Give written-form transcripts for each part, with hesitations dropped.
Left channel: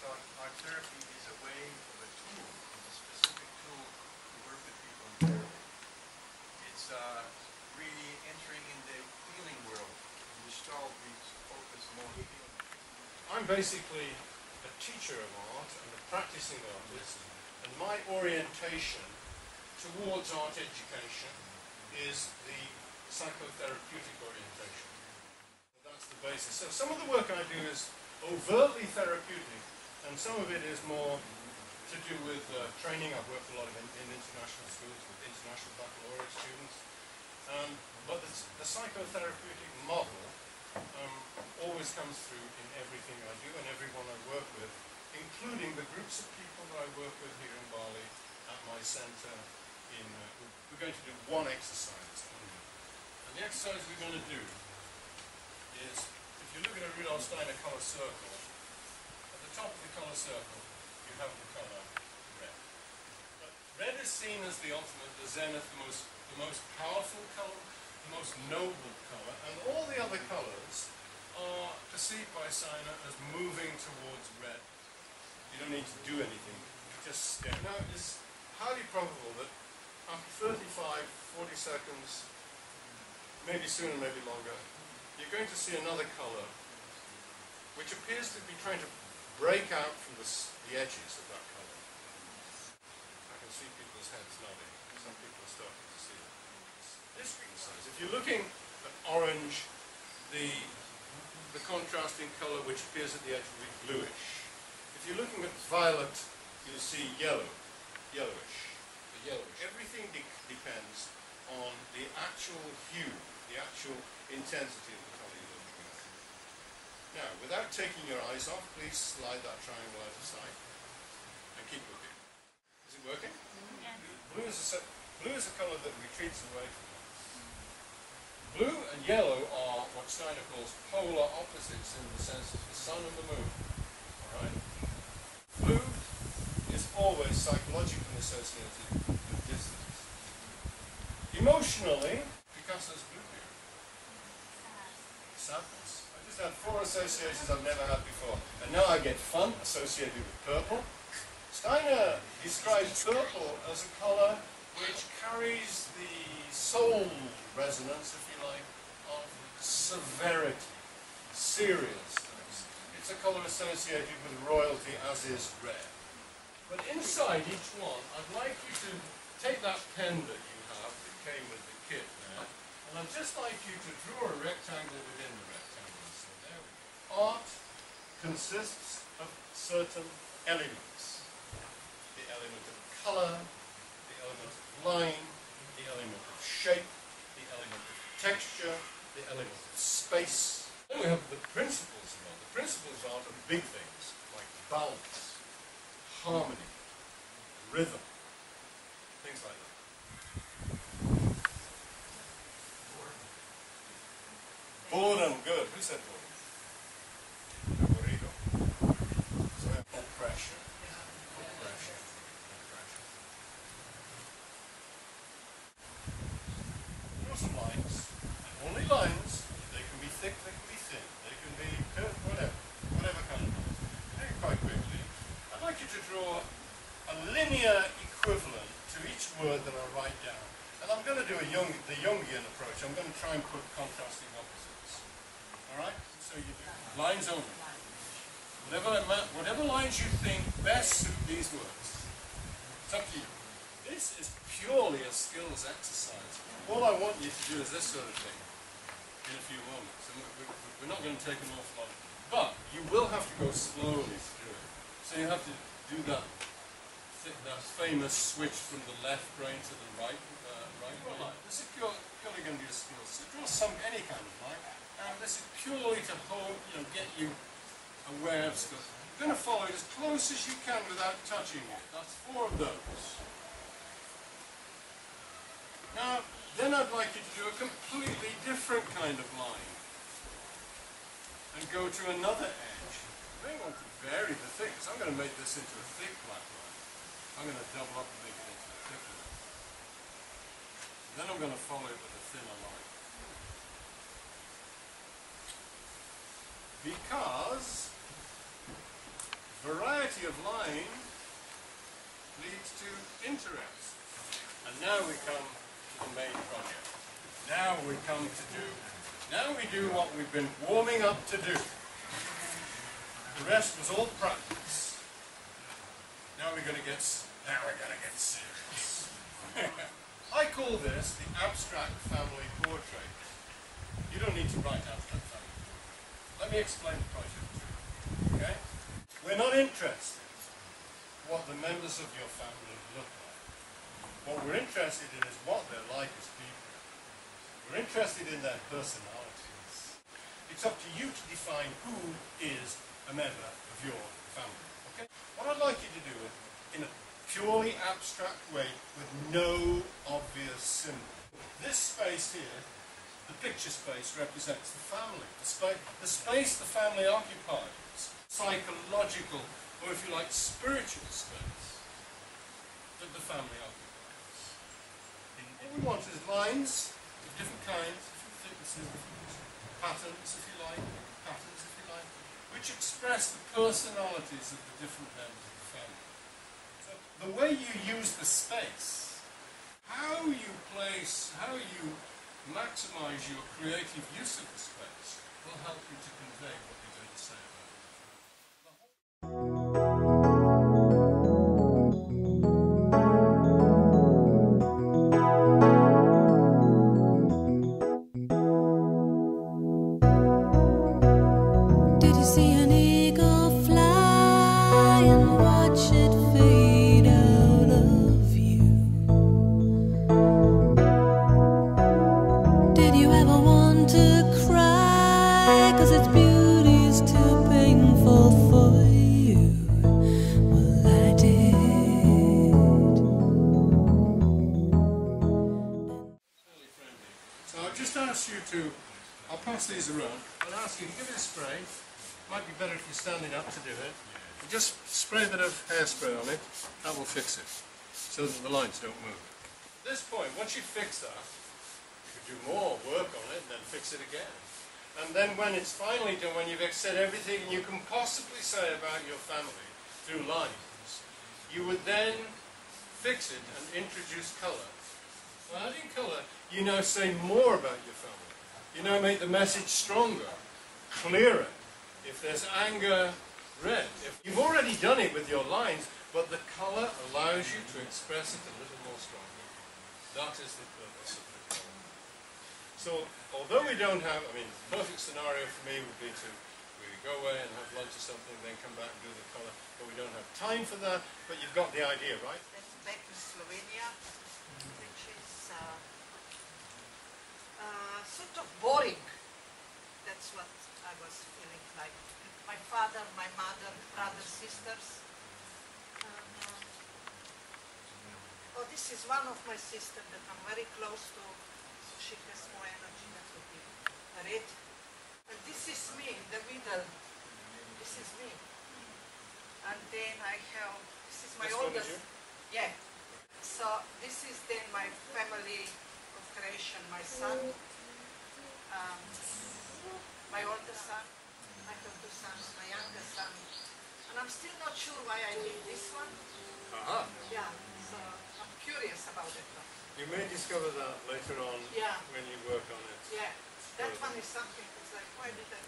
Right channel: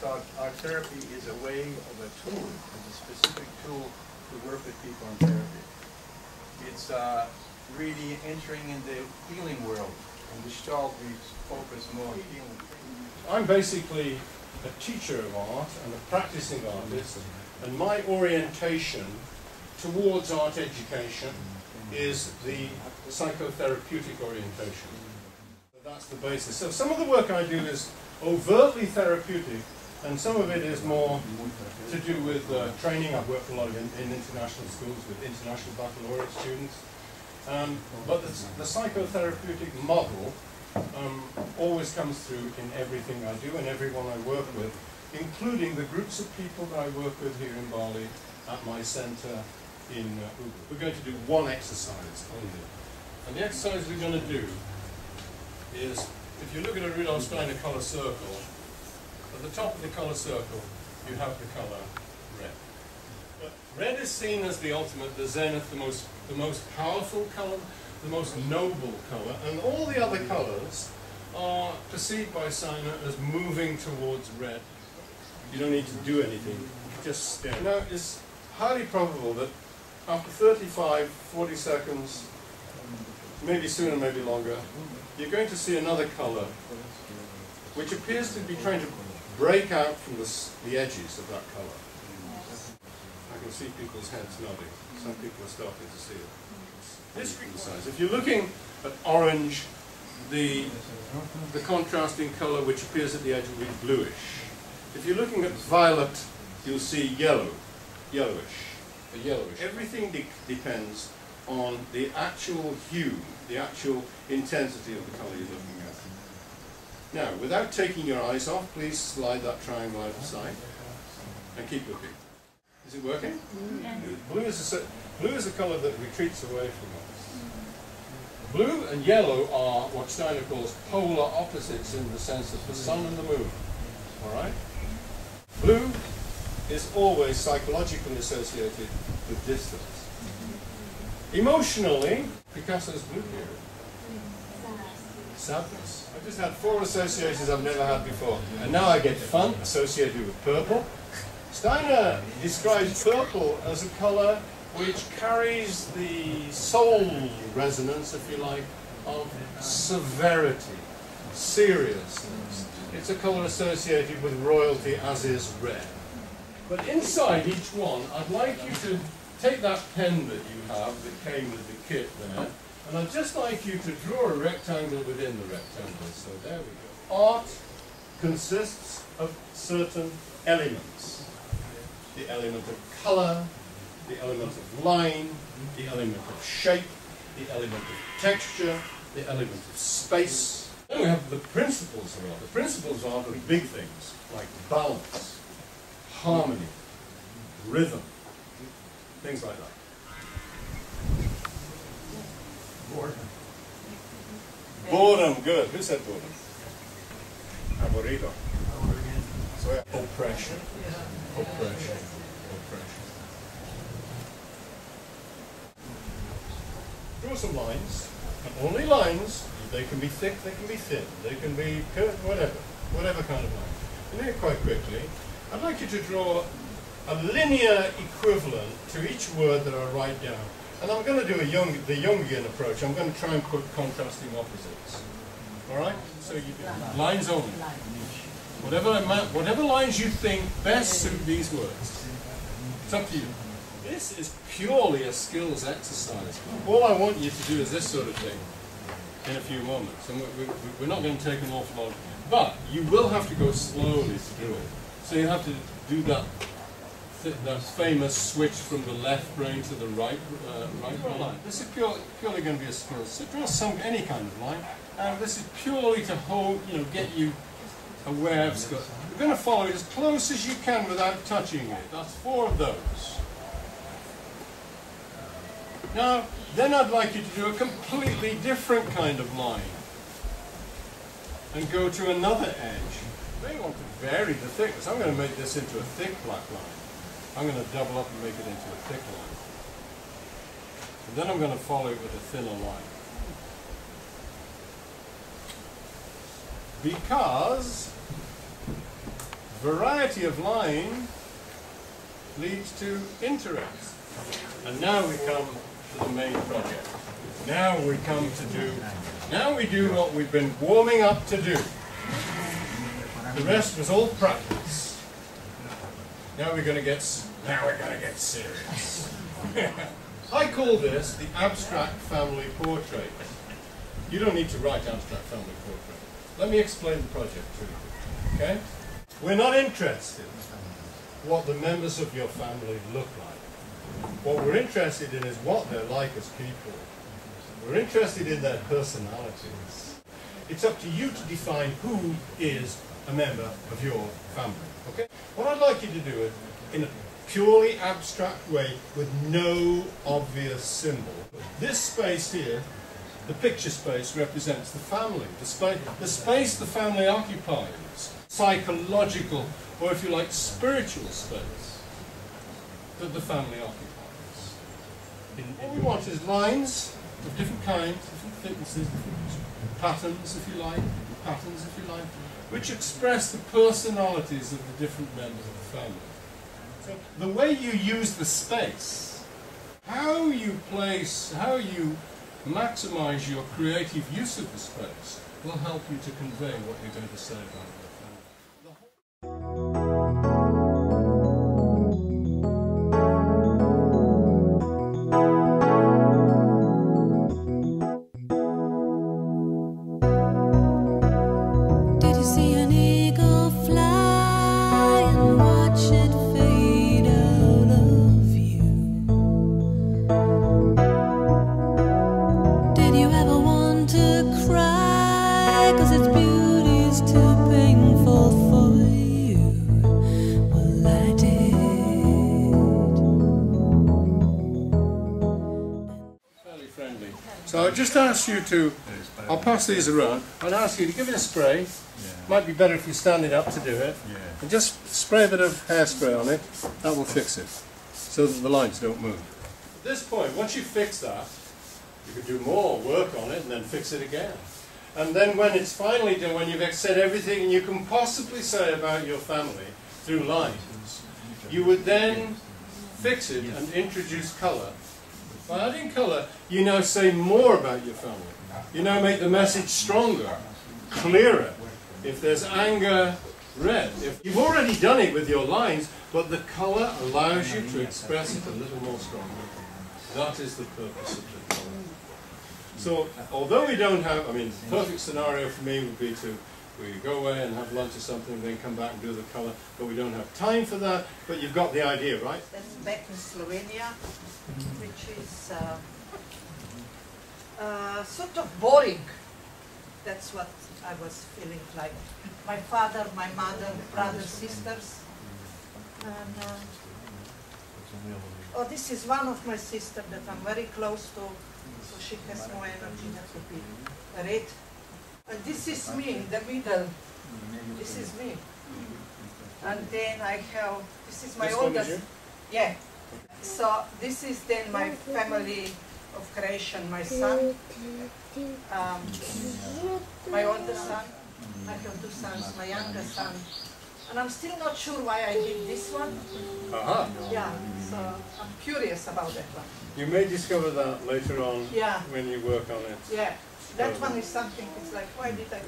thought art therapy is a way of a tool, is a specific tool to work with people in therapy. It's really entering in the healing world. In Gestalt, we focus more on healing. I'm basically a teacher of art and a practicing artist, and my orientation towards art education is the psychotherapeutic orientation. That's the basis. So some of the work I do is overtly therapeutic, and some of it is more to do with training. I've worked a lot in international schools with international baccalaureate students. But the psychotherapeutic model always comes through in everything I do and everyone I work with, including the groups of people that I work with here in Bali at my center in Ubud. We're going to do one exercise only. And the exercise we're going to do is, if you look at a Rudolph Steiner color circle, at the top of the color circle, you have the color red. But red is seen as the ultimate, the zenith, the most powerful color, the most noble color, and all the other colors are perceived by Steiner as moving towards red. You don't need to do anything, just stare. Now, it's highly probable that after 35, 40 seconds, maybe sooner, maybe longer, you're going to see another color which appears to be trying to break out from the edges of that color. I can see people's heads nodding. Some people are starting to see it. This exercise, if you're looking at orange, the contrasting color which appears at the edge will be bluish. If you're looking at violet, you'll see yellowish. Everything depends on the actual hue, the actual intensity of the color you're looking at. Now, without taking your eyes off, please slide that triangle out of sight and keep looking. Is it working? Yeah. Blue is a color that retreats away from us. Blue and yellow are what Steiner calls polar opposites in the sense of the sun and the moon. All right? Blue is always psychologically associated with distance. Emotionally, Picasso's blue period. Sadness. I just had 4 associations I've never had before. And now I get fun associated with purple. Steiner describes purple as a color which carries the soul resonance, if you like, of severity, seriousness. It's a color associated with royalty, as is red. But inside each one, I'd like you to take that pen that you have that came with the kit there, and I'd just like you to draw a rectangle within the rectangle. So there we go. Art consists of certain elements. The element of color, the element of line, the element of shape, the element of texture, the element of space. Then we have the principles of art. The principles of art are big things, like balance, harmony, rhythm, things like that. Boredom, good. Who said boredom? Aburrido. So yeah. Oppression. Oppression. Oppression. Draw some lines, and only lines. They can be thick, they can be thin, they can be curved, whatever kind of line. And then quite quickly, I'd like you to draw a linear equivalent to each word that I write down. And I'm going to do the Jungian approach. I'm going to try and put contrasting opposites. All right? So you do lines only. Whatever lines you think best suit these words. It's up to you. This is purely a skills exercise. All I want you to do is this sort of thing in a few moments. And we're not going to take an awful lot. But you will have to go slowly to do it. So you have to do that famous switch from the left brain to the right line. This is purely going to be a skill. So draw any kind of line, and this is purely to get you aware of skill. You're going to follow it as close as you can without touching it. That's 4 of those. Now, then I'd like you to do a completely different kind of line, and go to another edge. You may want to vary the thickness. I'm going to make this into a thick black line. I'm going to double up and make it into a thick line. And then I'm going to follow it with a thinner line. Because variety of line leads to interest. And now we come to the main project. Now we do what we've been warming up to do. The rest was all practice. Now we're going to get serious. I call this the abstract family portrait. You don't need to write abstract family portrait. Let me explain the project to you. Okay? We're not interested in what the members of your family look like. What we're interested in is what they're like as people. We're interested in their personalities. It's up to you to define who is a member of your family. Okay? What I'd like you to do is, in a purely abstract way, with no obvious symbol. This space here, the picture space, represents the family. The space the family occupies. Psychological, or if you like, spiritual space that the family occupies. What we want is lines of different kinds, different thicknesses, different patterns, if you like, which express the personalities of the different members of the family. So the way you use the space, how you maximize your creative use of the space, will help you to convey what you're going to say about it. So I'll just ask you to, I'll pass these around, I'll ask you to give it a spray. Might be better if you're standing up to do it. And just spray a bit of hairspray on it, that will fix it, so that the lines don't move. At this point, once you fix that, you can do more work on it and then fix it again. And then when it's finally done, when you've said everything you can possibly say about your family through lines, you would then fix it and introduce colour. By adding colour, you now say more about your family. You now make the message stronger, clearer. If there's anger, red. If you've already done it with your lines, but the colour allows you to express it a little more strongly. That is the purpose of the colour. So, although we don't have, I mean, the perfect scenario for me would be we go away and have lunch or something, then come back and do the colour, but we don't have time for that, but you've got the idea, right? That's back in Slovenia, which is sort of boring. That's what I was feeling like. My father, my mother, brothers, sisters. And, oh, this is one of my sisters that I'm very close to, so she has more energy. That would be red. And this is me in the middle. This is me. And then I have, this is my oldest. Yeah. So this is then my family of creation, my son, my oldest son. I have two sons, my younger son. And I'm still not sure why I did this one. Yeah, so I'm curious about that one. You may discover that later on when you work on it. Yeah, that one is something, it's like, why did I,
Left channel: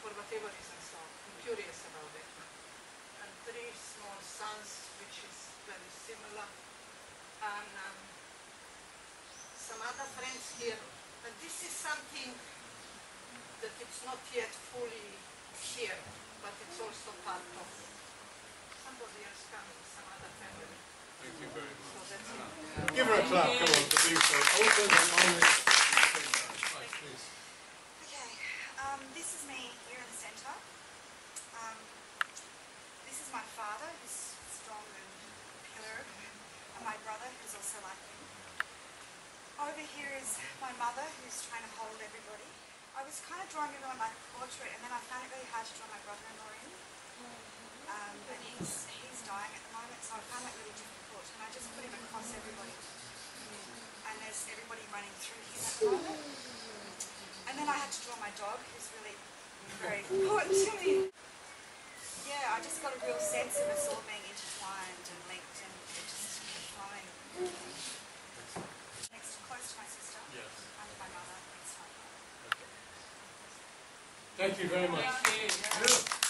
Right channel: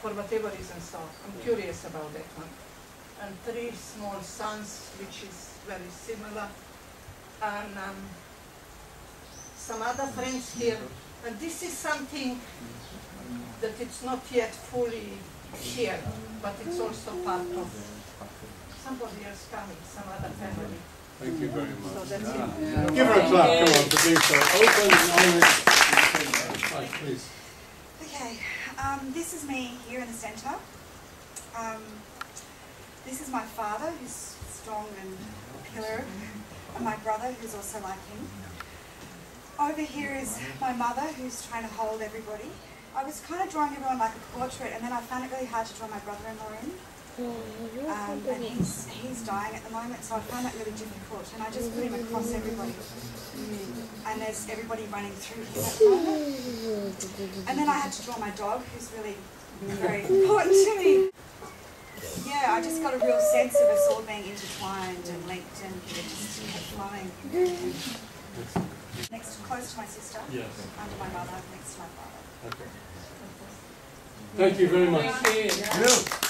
for whatever reason, so I'm curious about that one. And three small sons, which is very similar. And some other friends here. And this is something that it's not yet fully here, but it's also part of somebody else coming, some other family. Thank you very much. So that's it. Give her a clap, come on, for being so open and honest. Right, please. Okay, this is me here in the centre. This is my father, who's strong and a pillar, and my brother, who's also like him. Over here is my mother, who's trying to hold everybody. I was kind of drawing everyone like a portrait, and then I found it really hard to draw my brother-in-law in. And he's dying at the moment, so I found that really difficult. And I just put him across everybody. And there's everybody running through him at the moment. And then I had to draw my dog, who's really very important to me. yeah, I just got a real sense of us all being intertwined and linked, and it just kept flowing. Next, close to my sister, Yes. under my mother, next to my father. Okay. Thank you very much. Thank you. You.